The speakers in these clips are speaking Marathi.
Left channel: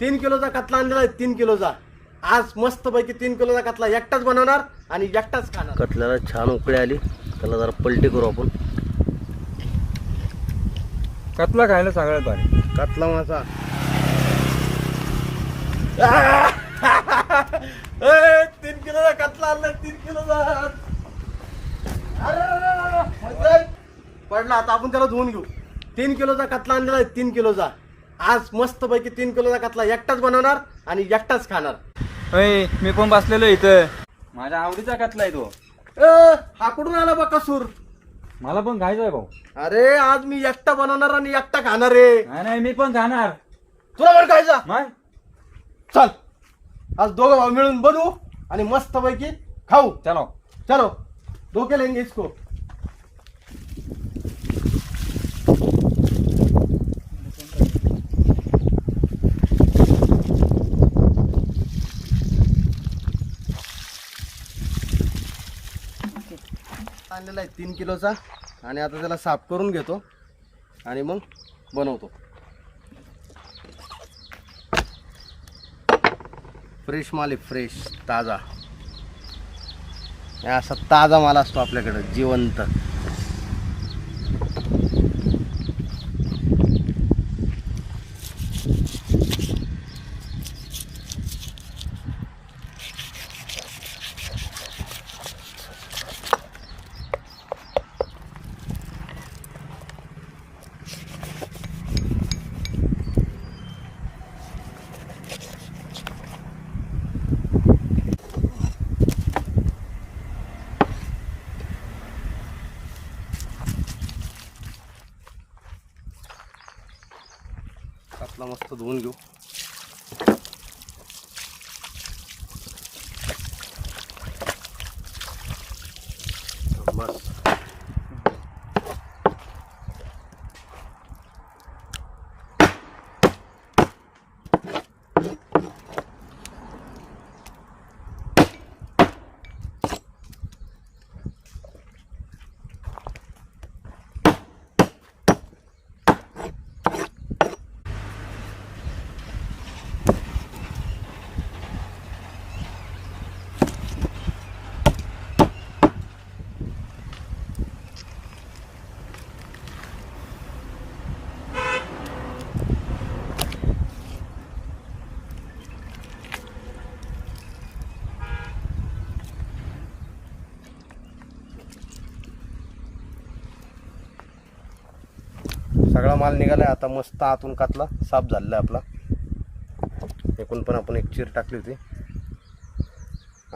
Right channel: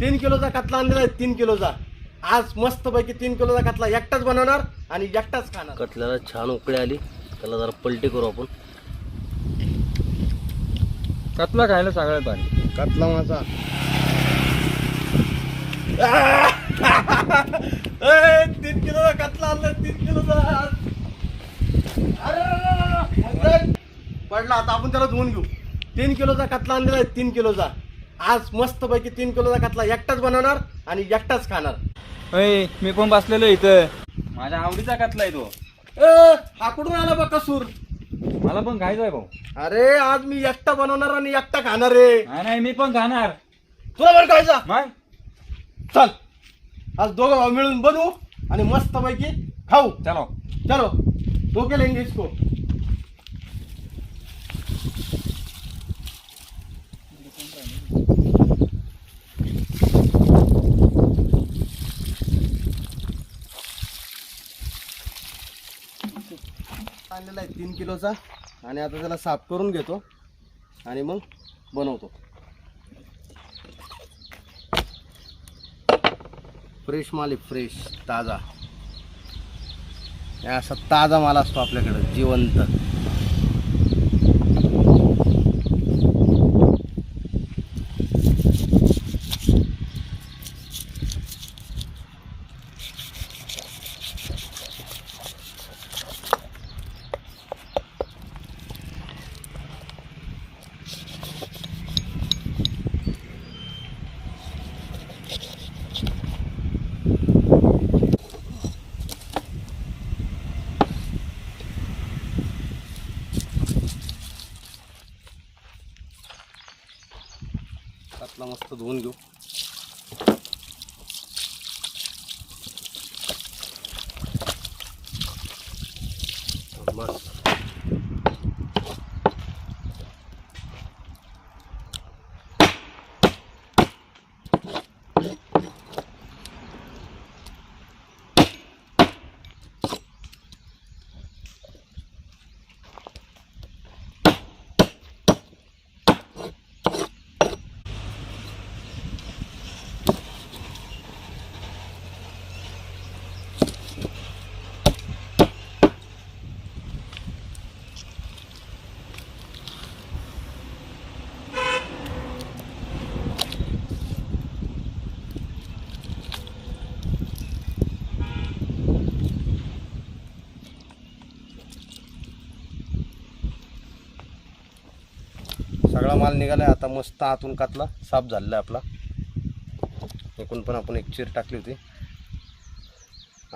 3 किलोचा कतला आणलेला आहे, 3 किलोचा. आज मस्त पैकी 3 किलोचा कतला एकटाच बनवणार आणि एकटाच खाणार. कतल्याला छान उकळी आली, त्याला जरा पलटी करू आपण. कतला खायला सगळ्यात भारी. कतला माझा 3 किलोचा कतला आणलाय, 3 किलोचा. अरे पडला. आता आपण त्याला धुवून घेऊ. 3 किलोचा कतला आणलेला आहे, 3 किलोचा. आज मस्त पैकी 3 किलोचा कतला एकटाच बनवणार आणि एकटाच खाणार. होय, मी पण बसलेलो इथं. माझ्या आवडीचा कतला आहे तो. हा कुठून आला बा कसूर? मला पण खायचा आहे भाऊ. अरे आज मी एकटा बनवणार आणि एकटा खाणार रे. नाही मी पण खाणार. तुला पण खायचा? मग चल आज दोघं भाऊ मिळून बनवू आणि मस्त पैकी खाऊ. चलो चलो धोके लेंगे इसको. आणलेला आहे 3 किलोचा आणि आता त्याला साफ करून घेतो आणि मग बनवतो. फ्रेश माल आहे, फ्रेश ताजा. असा ताजा माल असतो आपल्याकडे, जिवंत. कतला मस्त धुवून घेऊ. बस सगळा माल निघालाय. आता मस्त आतून कातला साफ झालेला आहे आपला. एकूण पण आपण एक चीर टाकली होती.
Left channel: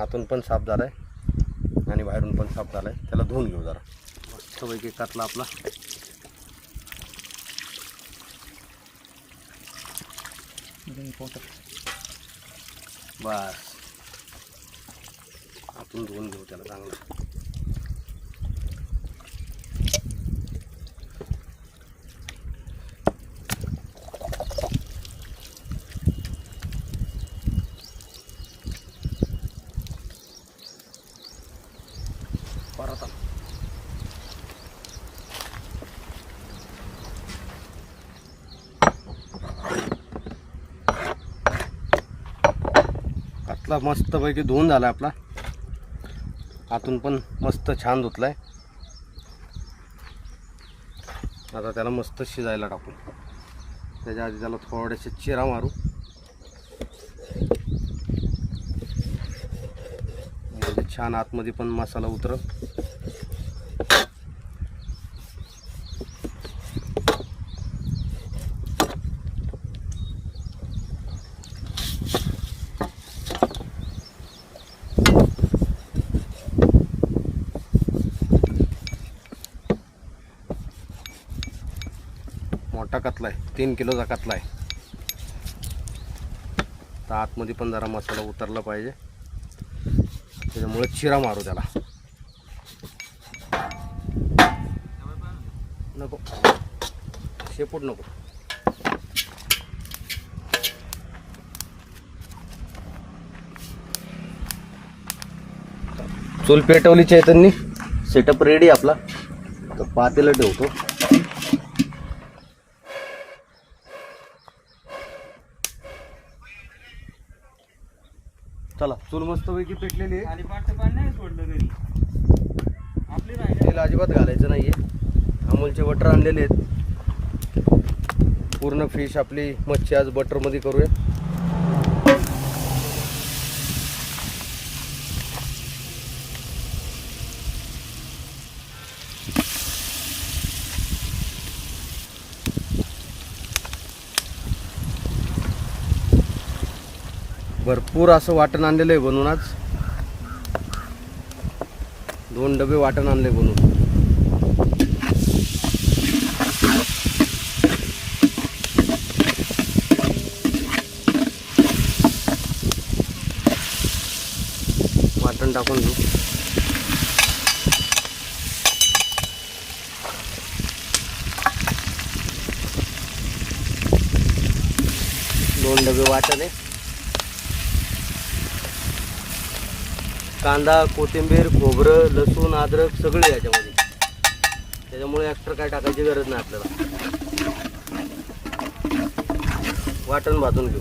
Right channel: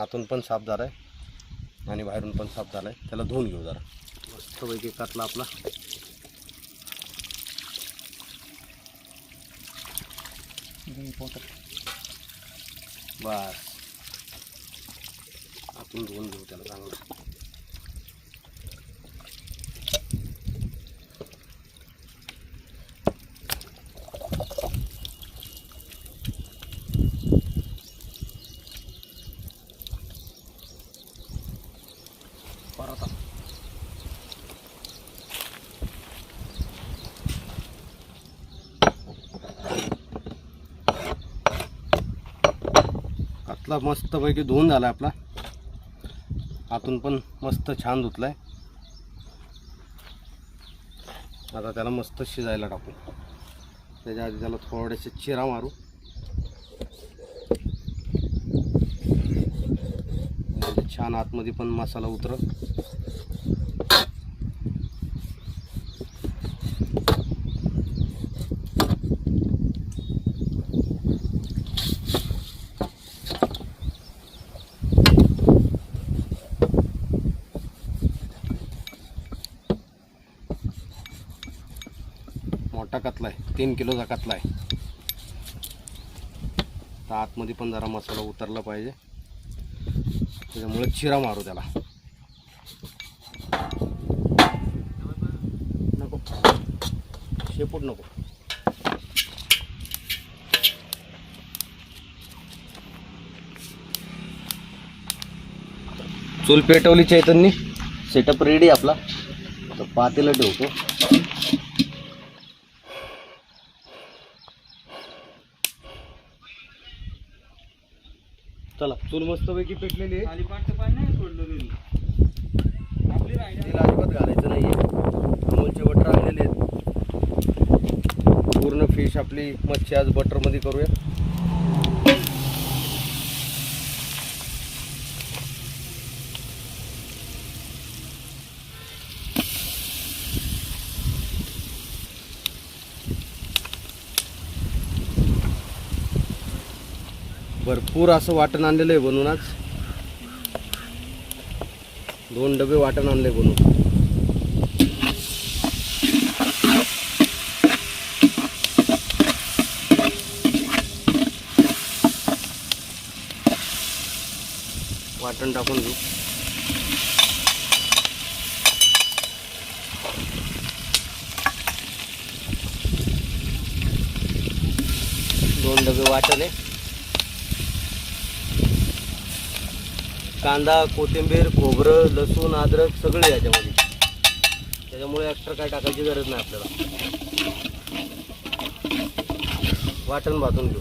आतून पण साफ झालाय आणि बाहेरून पण साफ झालाय. त्याला धुवून घेऊ जरा. मस्तपैकी कातला आपला. बस आतून धुवून घेऊ त्याला चांगला. परत कतला मस्त पैकी धुवून झाला आपला. आतून पण मस्त छान धुतलाय. आता त्याला मस्त शिजायला टाकू. त्याच्या आधी त्याला थोडेसे चिरा मारू. म्हणजे छान आतमध्ये पण मसाला उतरल. मोठा कतला आहे, 3 किलोचा कतला आहे. तर आतमध्ये पण जरा मसाला उतरला पाहिजे, त्याच्यामुळे चिरा मारू त्याला. नको शेपूट नको. चूल पेटवली चैतन्य. सेटअप रेडी आपला. तर पातेलं ठेवतो. चला चूल मस्तपैकी पेटलेली आहे. खाली पाटचं पाणी नाही सोडलं घरी आपली राहिली. तेल अजिबात घालायचं नाहीये. अमूलचे बटर आणलेले आहेत. पूर्ण फिश आपली मच्छी आज बटरमध्ये करूया. भरपूर असं वाटण आणलेलं आहे बनवून आज. 2 डबे वाटण आणले बनवून. वाटण टाकून घेऊ. दोन डबे वाटण आहे. कांदा, कोथिंबीर, खोबरं, लसूण, अद्रक सगळे याच्यामध्ये. त्याच्यामुळे एक्स्ट्रा काय टाकायची गरज नाही आपल्याला. वाटण भाजून घेऊ.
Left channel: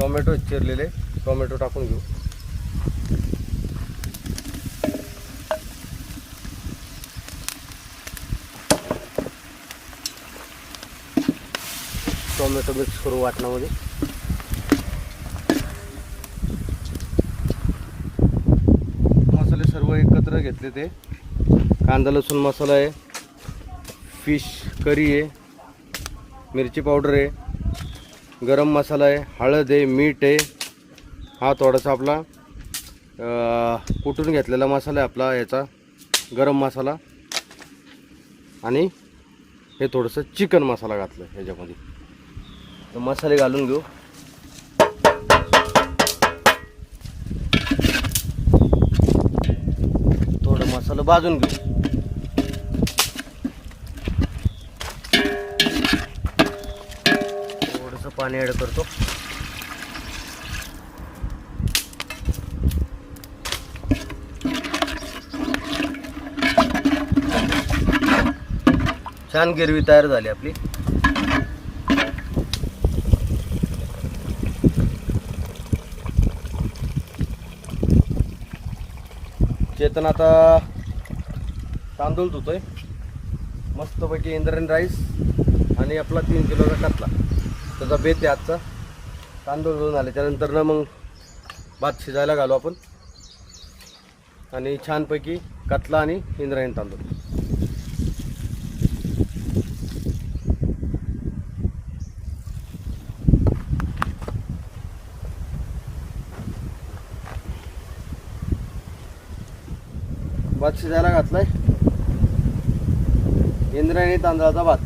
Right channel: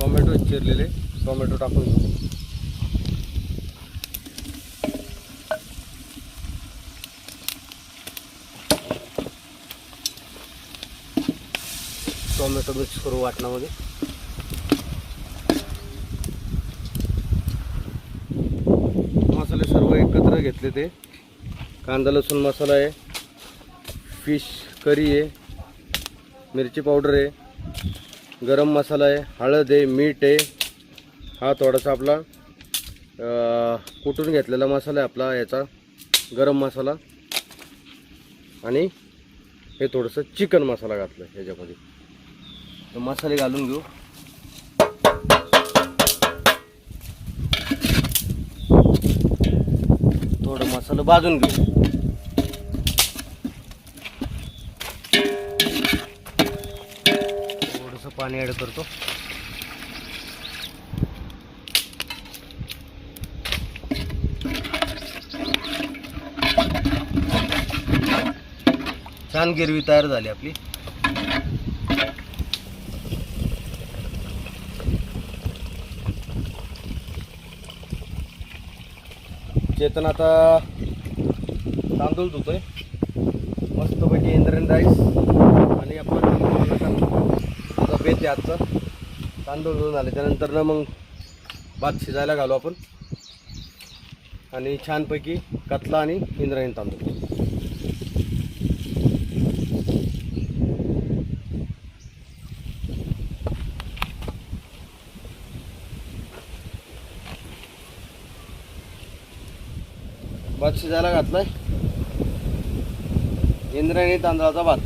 टोमॅटो चिरलेले टोमॅटो टाकून घेऊ. टोमॅटो मिक्स करू वाटणामध्ये. मसाले सर्व एकत्र घेतले ते. कांदा लसूण मसाला आहे, फिश करी आहे, मिरची पावडर आहे, गरम मसाला आहे, हळद आहे, मीठ आहे. हा थोडासा आपला कुटून घेतलेला मसाला आहे आपला याचा गरम मसाला. आणि हे थोडंसं चिकन मसाला घातलं ह्याच्यामध्ये. तर मसाले घालून घेऊ. थोडं मसाला भाजून घेऊ. थोडंसं पाणी ॲड करतो. छान गिरवी तयार झाली आपली. चेतन आता तांदूळ धुतोय मस्तपैकी. इंद्रायणी राईस आणि आपला 3 किलोचा कांदा. त्याचा बेत आहे आजचा. तांदूळ धुवून आले त्यानंतर ना मग भात शिजायला घालू आपण. आणि छानपैकी कतला आणि इंद्रायणी तांदूळ. भात शिजायला घातलाय. इंद्रायणी तांदळाचा भात.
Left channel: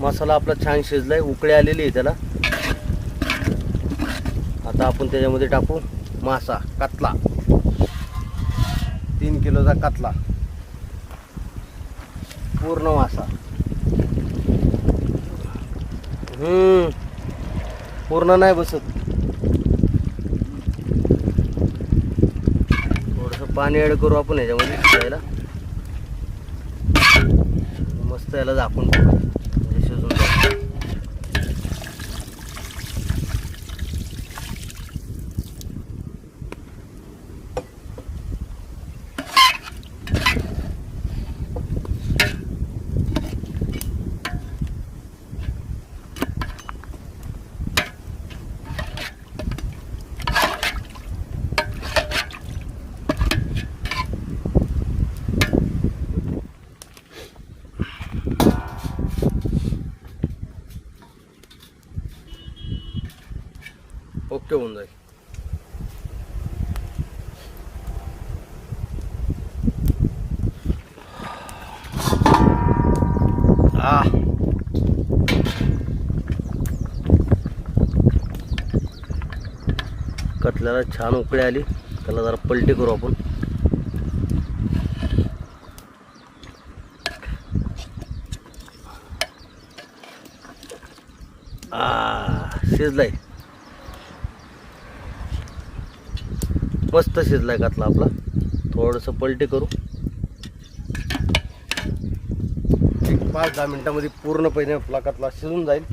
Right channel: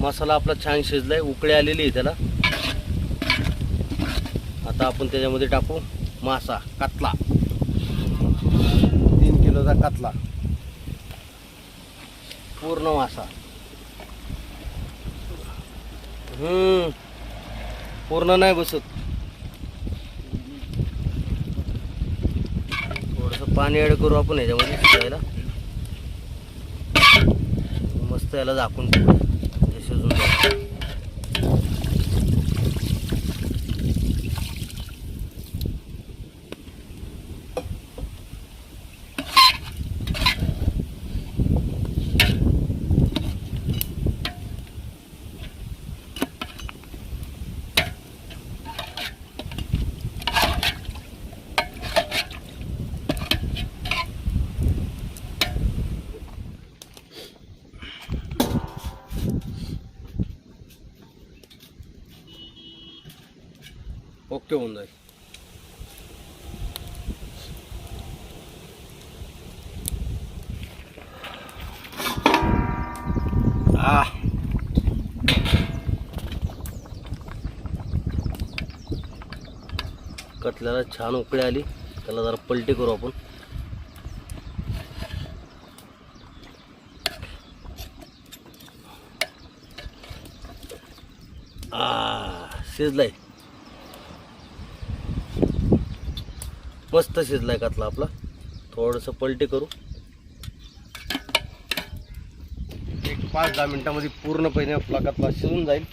मसाला आपला छान शिजलाय. उकळी आलेली आहे त्याला. आता आपण त्याच्यामध्ये टाकू मासा कतला. 3 किलोचा कतला पूर्ण मासा. पूर्ण नाही बसत. पाणी ॲड करू आपण ह्याच्यामध्ये शिजायला. मस्त याला झाकून ठेवू म्हणजे शिजून जाईल. ओके होऊन जाईल. कतल्याला छान उकळी आली. त्याला जरा पलटी करू आपण. शिजलाय. मस्त शिजलाय कतला आपला. थोडंसं पलटी करू. 5-10 मिनिटांमध्ये पूर्णपणे आपला कतला शिजून जाईल.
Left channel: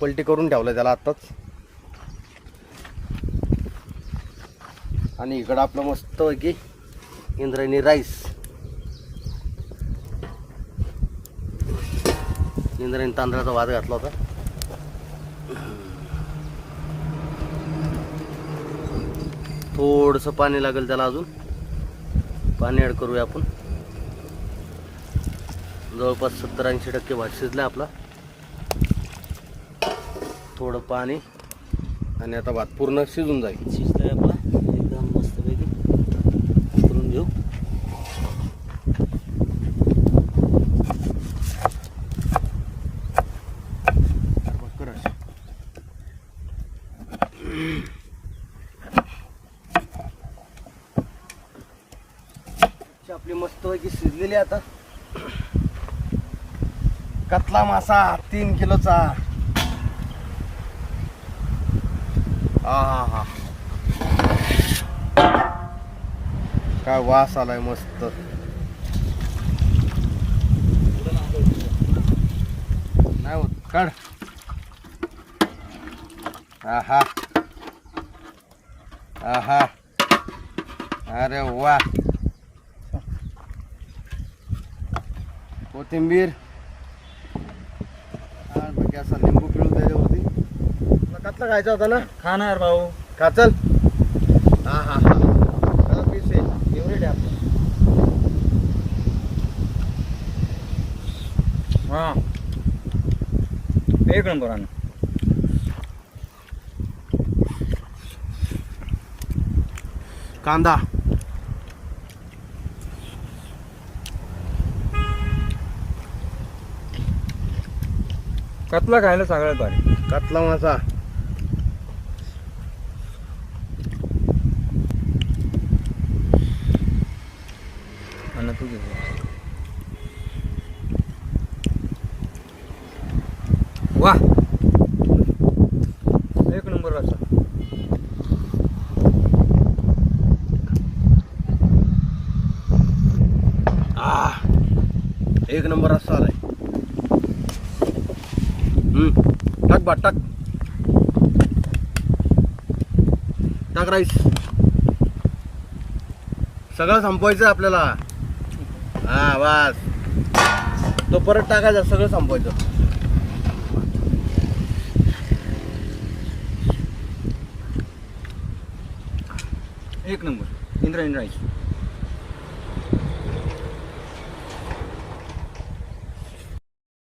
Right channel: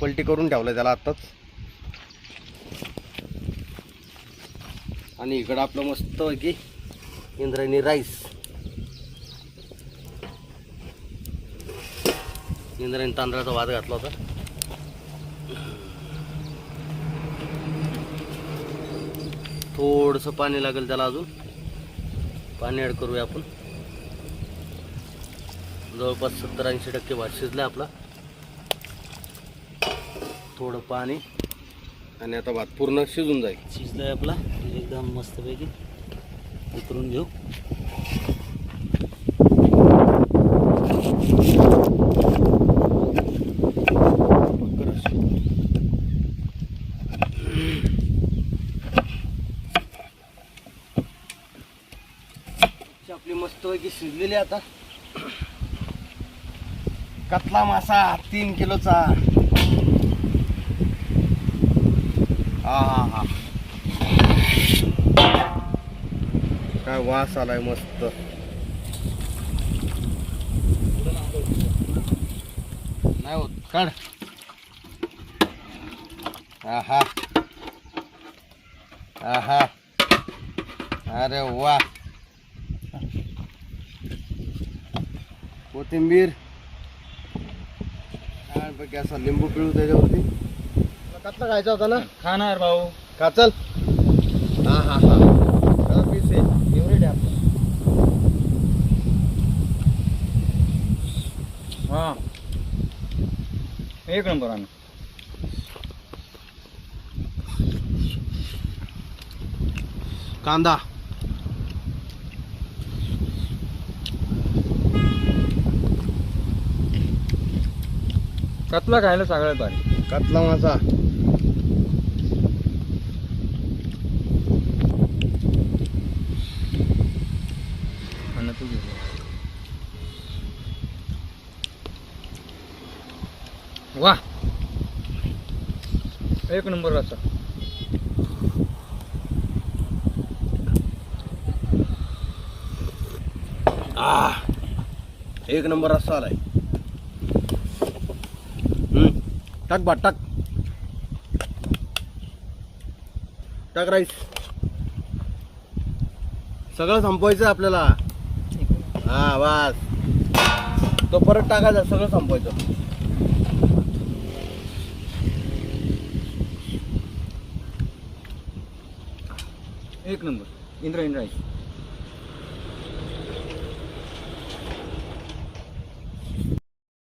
पलटी करून ठेवलं त्याला आत्ताच. आणि इकडं आपलं मस्त की इंद्रायणी राईस, इंद्रायणी तांदळाचा भात घातला होता. थोडंसं पाणी लागेल त्याला, अजून पाणी ॲड करूया आपण. जवळपास 70-80% भात शिजला आपला. थोडं पाणी आणि आता भात पूर्ण शिजून जाईल. शिजलाय आपला एकदम मस्तपैकी. करून घेऊ. आपली मस्तपैकी शिजलेली. आता कतला मासा 3 किलोचा. हा हा हा, काय वास आलाय मस्त. नाही होत, काढ. आहा आहा, अरे वा. कोथिंबीर आणि असा लिंबू पिळून त्याच्यावरती. कतला खायचा होता ना? खाणार भाऊ. का चल. हा हा हा, त्याला पीस आहे, फेवरेट आहे आपलं. हा, एक नंबर आहे. कांदा, कतला खायला सगळ्यात भारी. कतला मासा. आणि तुझी वा, एक नंबर रस्सा. एक नंबर रस्सा आलाय. टाक भात, टाक टाक राईस. सगळं संपवायचं आपल्याला. हा बस, तो परत टाकायचा, सगळं संपवायचं. एक नंबर इंद्रायणी राईस.